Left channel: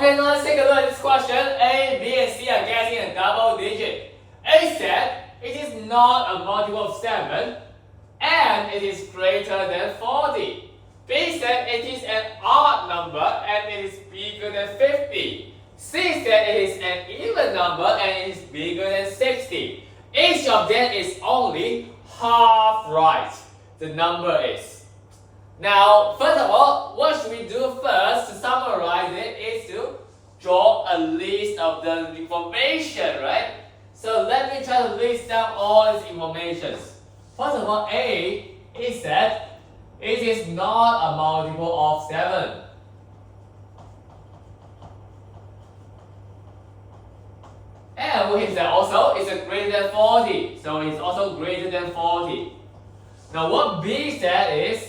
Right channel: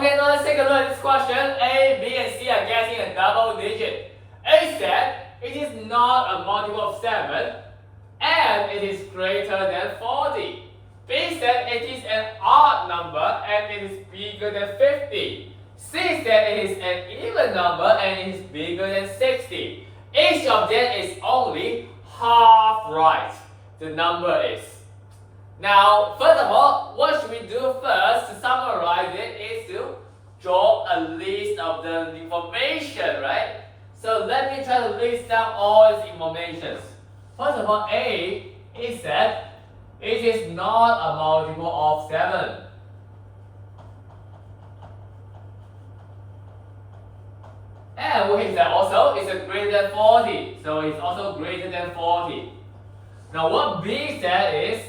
Okay, now let's take a look at this question. A, B, and C are guessing a double digit. A said it is not a multiple of 7 and it is greater than 40. B said it is an odd number and it is bigger than 50. C said it is an even number and it is bigger than 60. Each of them is only half right. The number is. Now, first of all, what should we do first to summarize it is to draw a list of the information, right? So let me try to list down all these informations. First of all, A is that it is not a multiple of 7. And we can say also it's a greater than 40. So it's also greater than 40. Now what B said is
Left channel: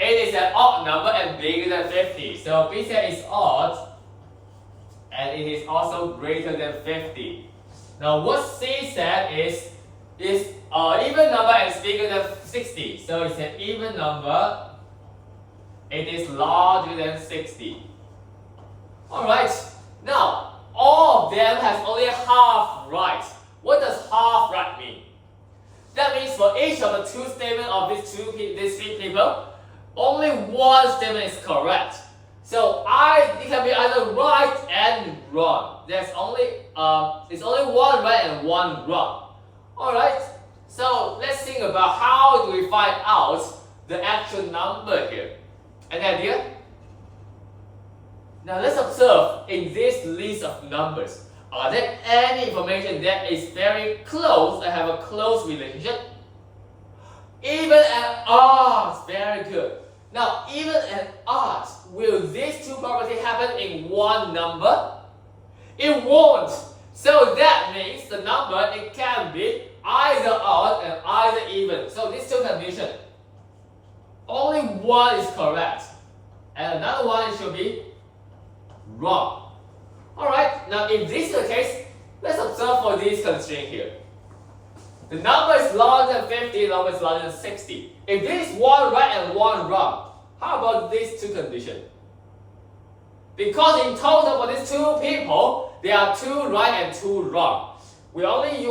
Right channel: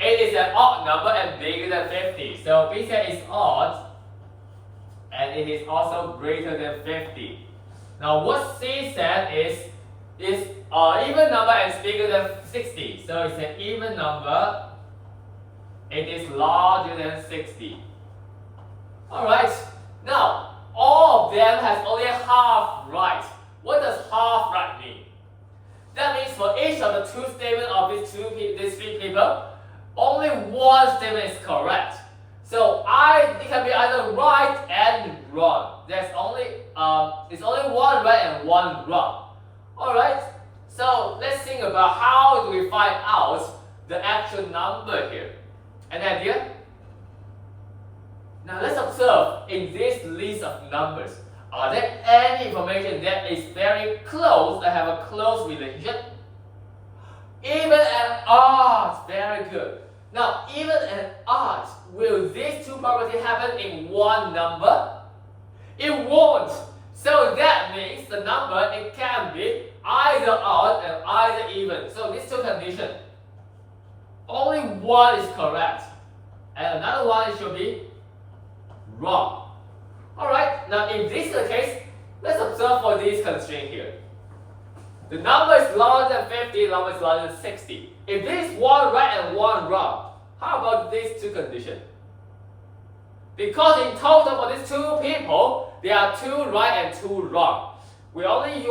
it is an odd number and bigger than 50. So B said it's odd and it is also greater than 50. Now what C said is even number and it's bigger than 60. So it's an even number. It is larger than 60. Alright, now all of them has only half right. What does half right mean? That means for each of the two statements of these three people, only one statement is correct. So it can be either right and wrong. It's only one right and one wrong. Alright, so let's think about how do we find out the actual number here. An idea? Now let's observe in this list of numbers. Are there any information that is very close and have a close relationship? Even and odds, very good. Now, even and odds, will these two properties happen in one number? It won't. So that means the number, it can be either odd and either even. So these two conditions, only one is correct and another one should be wrong. Alright, now if this is the case, let's observe for this constraint here. The number is larger than 50, the number is larger than 60. If this is one right and one wrong, how about these two conditions? Because in total for these two people, there are two right and two wrong. We already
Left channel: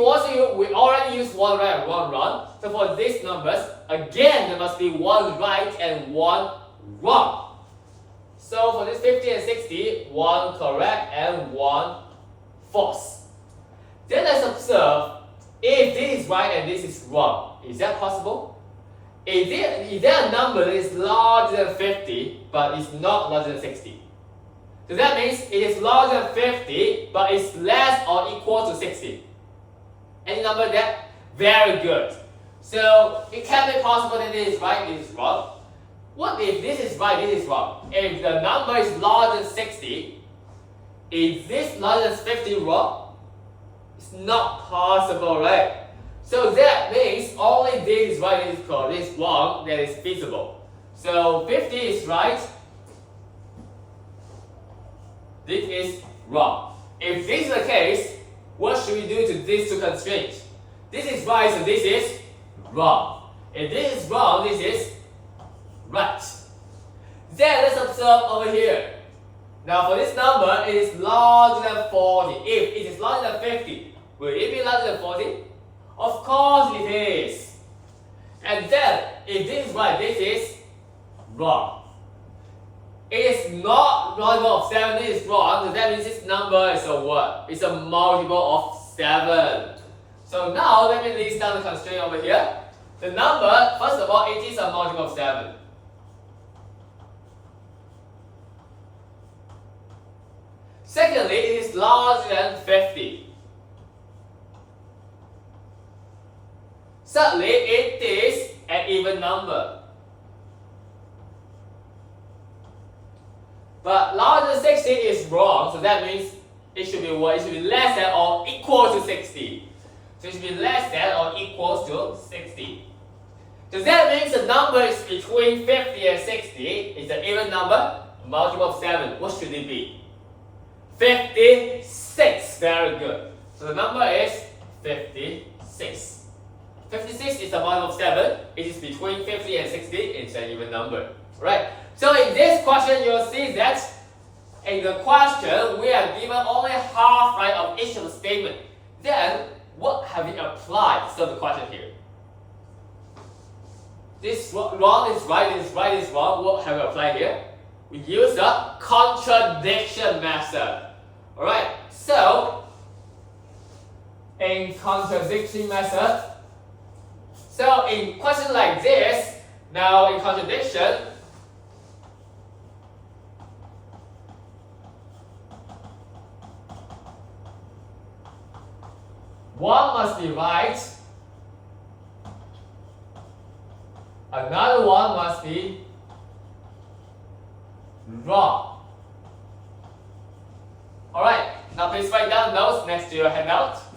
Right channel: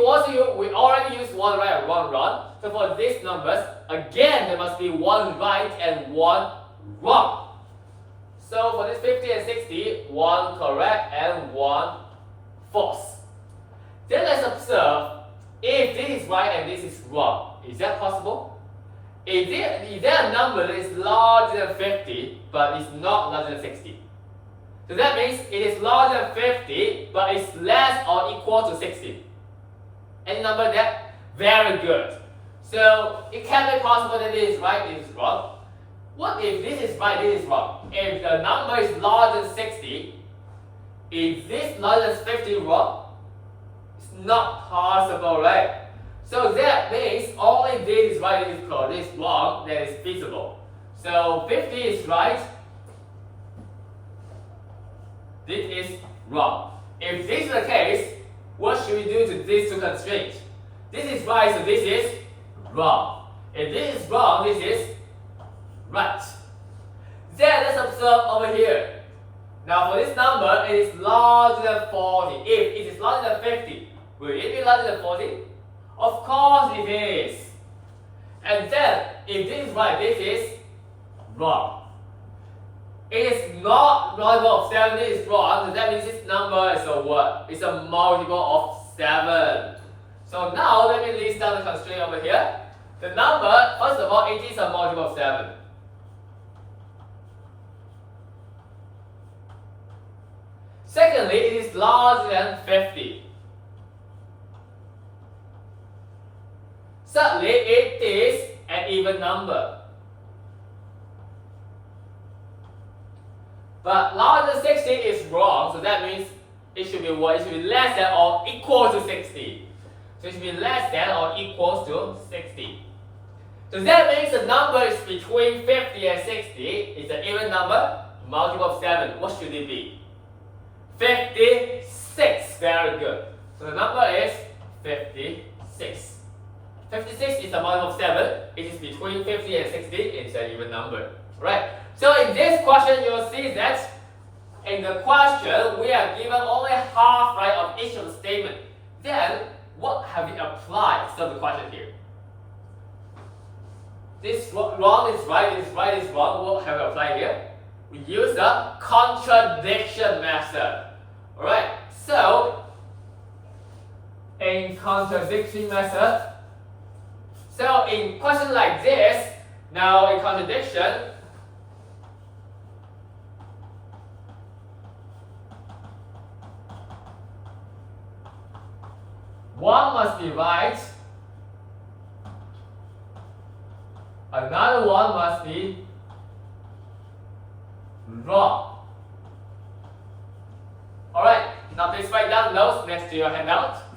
used one right and one wrong. So for these numbers, again there must be one right and one wrong. So for this 50 and 60, one correct and one false. Then let's observe if this is right and this is wrong. Is that possible? Is there a number that is larger than 50 but is not larger than 60? So that means it is larger than 50 but it's less or equal to 60. Any number that? Very good. So it can be possible that this is right, this is wrong. What if this is right, this is wrong? If the number is larger than 60, is this larger than 50 wrong? It's not possible, right? So that means only this is right, this is correct, this is wrong, that is feasible. So 50 is right, this is wrong. If this is the case, what should we do to these two constraints? This is right, so this is wrong. If this is wrong, this is right. Then let's observe over here. Now for this number, it is larger than 40. If it is larger than 50, will it be larger than 40? Of course it is. And then, if this is right, this is wrong. It is not multiple of 7, this is wrong, so that means this number is a what? It's a multiple of 7. So now let me list down the constraint over here. The number, first of all, it is a multiple of 7. Secondly, it is larger than 50. Thirdly, it is an even number. But larger than 60 is wrong, so that means it should be what? It should be less than or equal to 60. So it should be less than or equal to 60. So that means the number is between 50 and 60. It's an even number, multiple of 7. What should it be? 56. Very good. So the number is 56. 56 is a multiple of 7. It is between 50 and 60. It's an even number. Right? So in this question, you'll see that in the question, we are given only half right of each of the statement. Then, what have we applied? So the question here. This wrong is right, this right is wrong. What have we applied here? We use the contradiction method. Alright, so in contradiction method, so in question like this, now in contradiction, one must be right, another one must be wrong. Alright, now please write down notes next to your handout.